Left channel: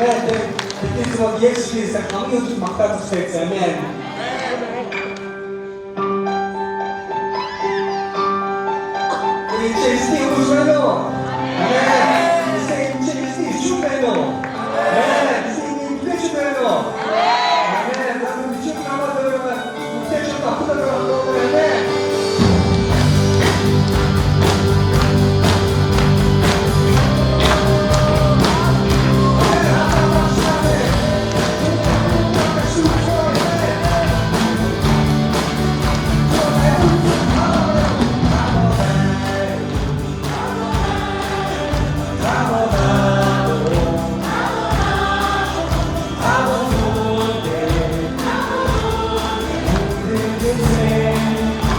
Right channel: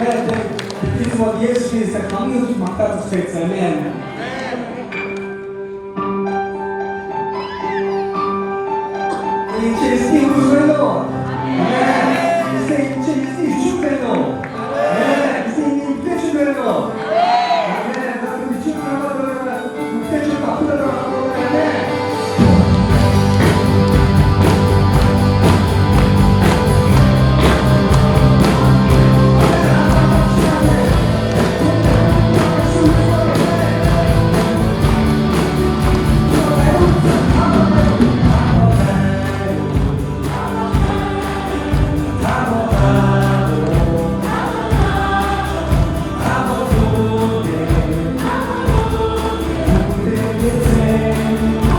Amen. That is what the experience that coming into Makati States. Amen. 인체리스티 우주벨로. 아멘. 인체리스티 주벨로. 아멘. 인체리스티 주벨로. 아멘. 나도 미친 나가 들어가. 인체리스티 아프다 들어가. 아멘. Thank you.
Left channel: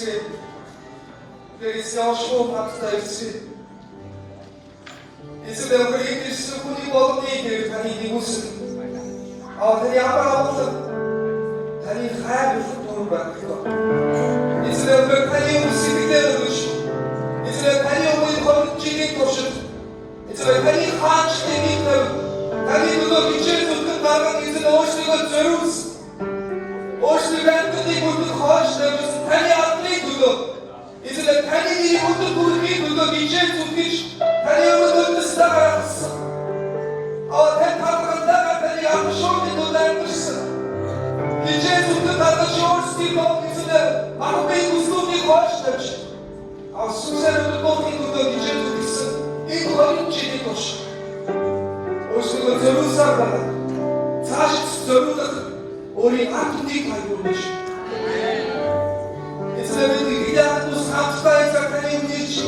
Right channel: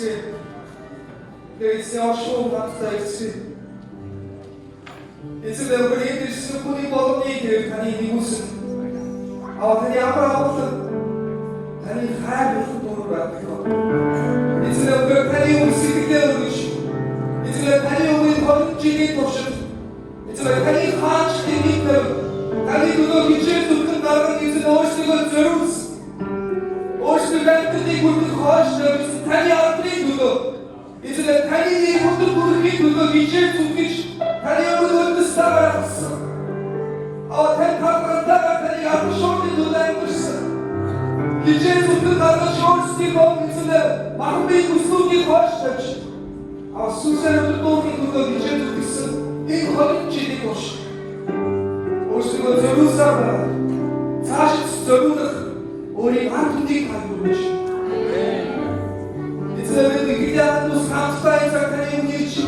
있지. 내 있어 쇼 박사 있지. 이제 우리 얘기 수분이 먹니 대단히 이곳은 단이 아무나 없던 단이 하얀 futbolun bırakıyor. İçine bırakayı usidikleri düşün. İçine tanı umudu konuşçiliği koşun. İçine tanı haç dedikleri. Tanı dudu içine tutun dardan içine hoşluğu görürüz. Hoşluğu bentini kurdu hoşluğu. Tanı atlayı dudu. İçine tanı iyi kurdu dudu içine tutmuş. Tanı umudu dışta bıraksın. Ama ten takımında tanı yapmış olduğu duyarmışsın. İçine tutun dardan şorski bol içine. Mahmut Kusu'yu koşmuş. Assusen tutto dicendo 이 거리치기 것이 오시고 저루사가 사실 저루는 우리 아픔이 가지고 것이 이스라엘은 그냥 또 사투가의 작가의 운이지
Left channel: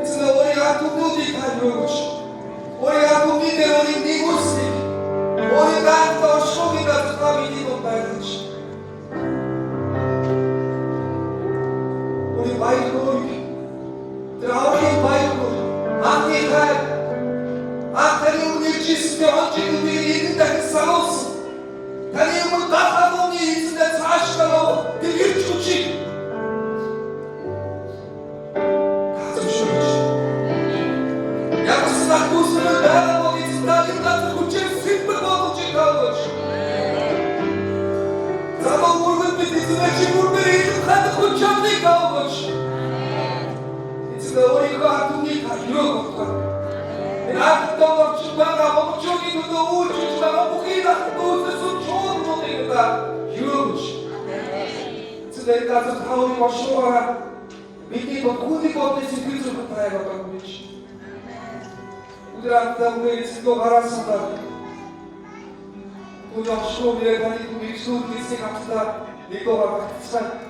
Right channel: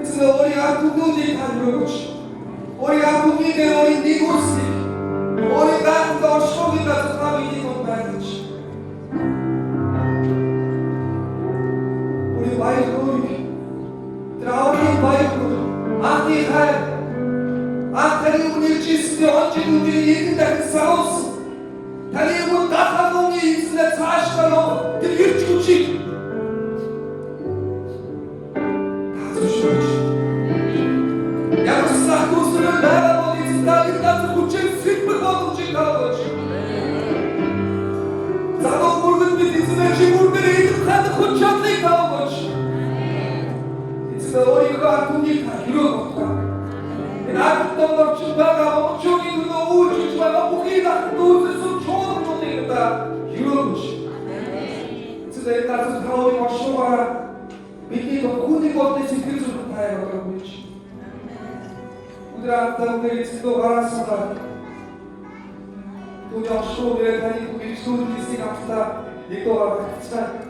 이스라엘 우리 아픔이 가지고 것이 우리 아픔이 된 우리 니고스 우리 간도 쇼기 같은 밤이 되고 말이지 Bayrağıydı. Traor'un bayrağı. Anneler. Antalya'nın ilçesinde önceki bir yerinden sağ olsun. Tanıyımın Dağlı'nın içinde taşkalı. Bir küçük. Tartışmış. Yarısına kuzunun beraber içinde yıllardır kuçen sıkmır olunca kalmış. Zaman vurgun bir dizine çimur bir eğitim kanı kuçanlı kalmış. 우리가 아픔이 다 이루어졌다. 아직도 덮친다가 목적이고 우주주가 목이다 또 뜻은 좋은 모델이다 이루어졌지. 그래서 가서 다오리 와쇼와라 믿기도 고디고 뜻이 그쪽으로 다해가고 있지. 우리한테 우리 지도 가라서라 도적 쇼를 가지고 우리 수업이 생각하다 이거가 참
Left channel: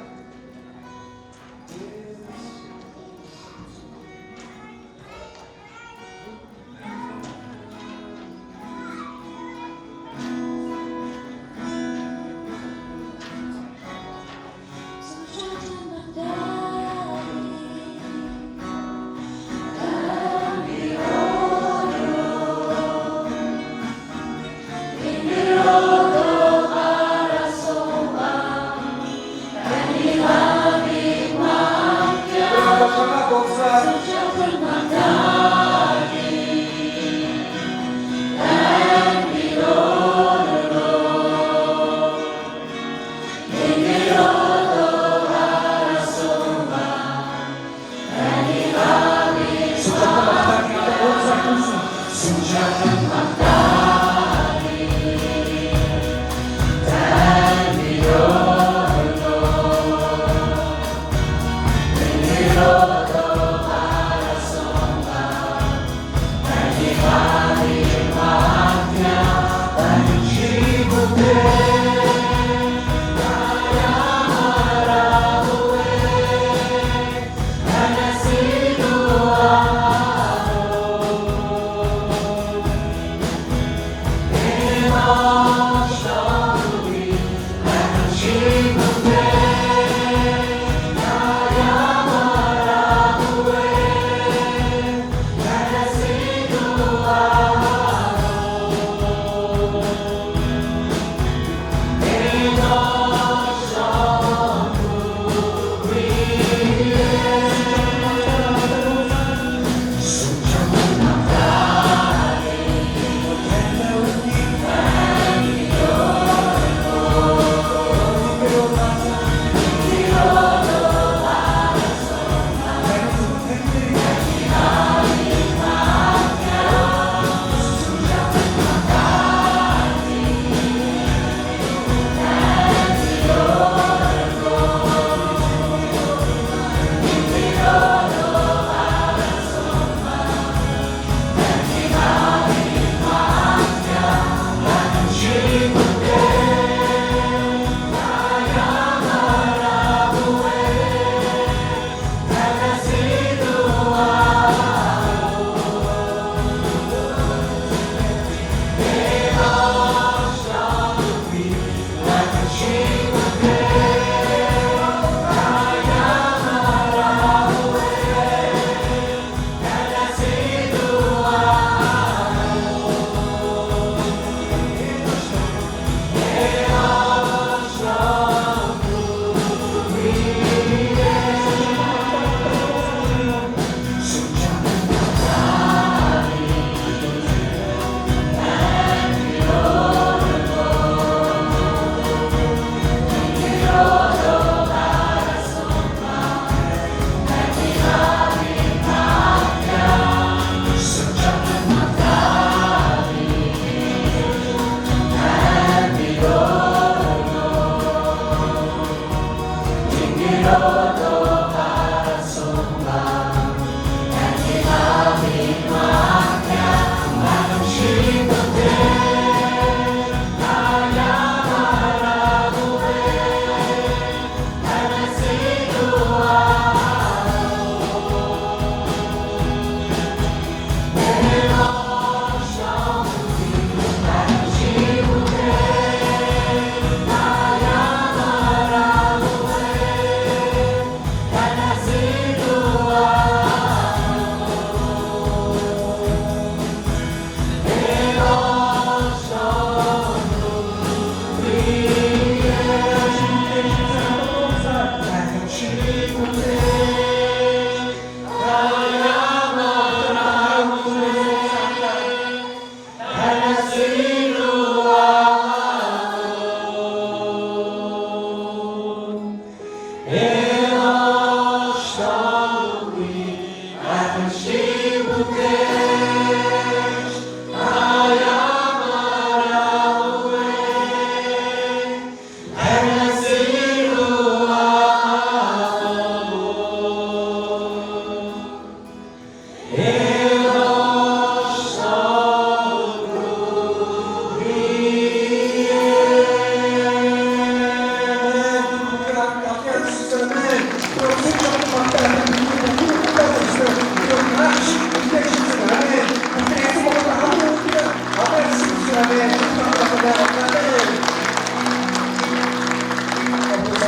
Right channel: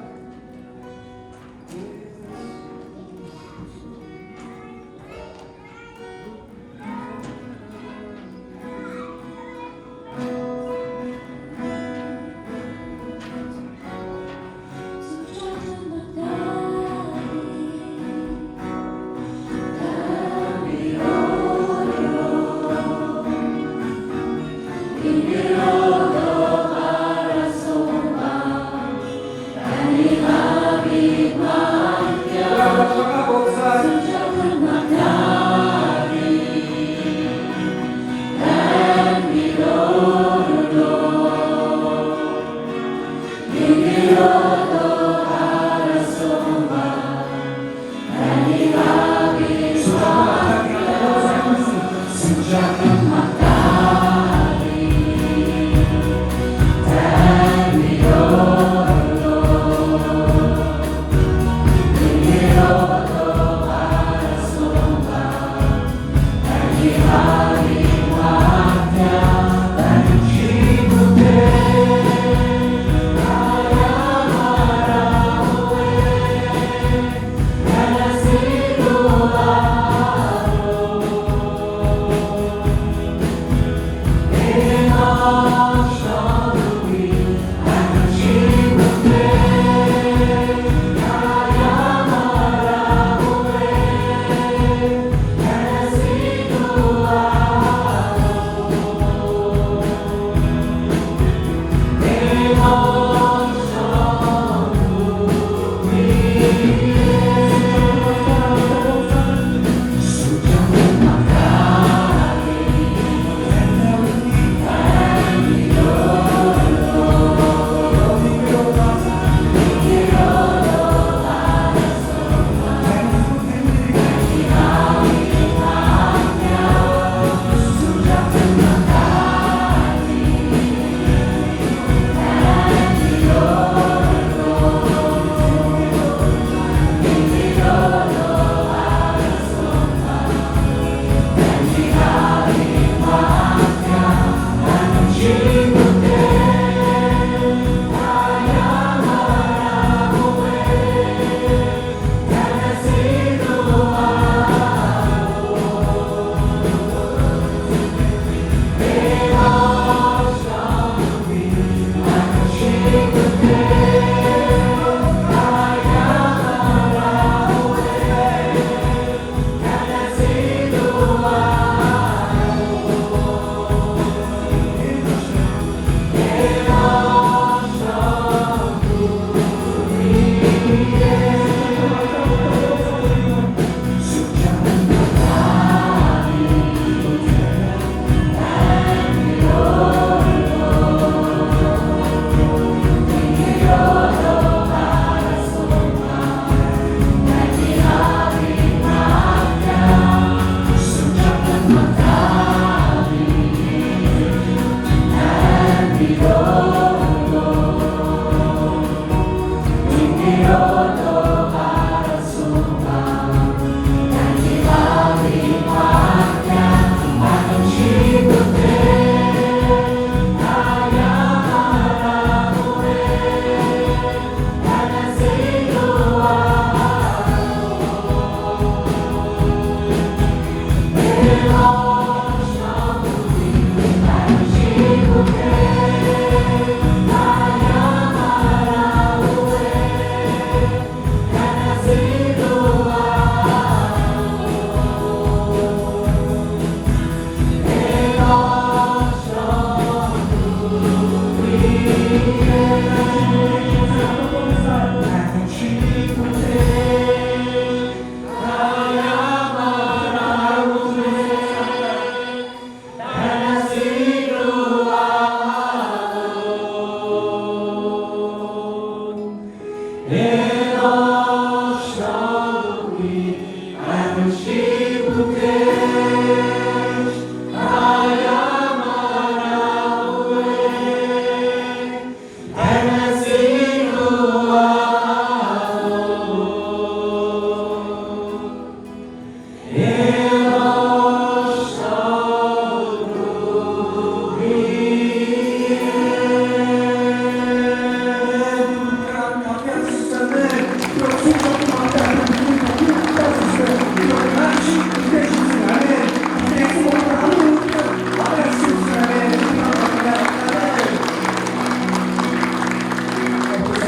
never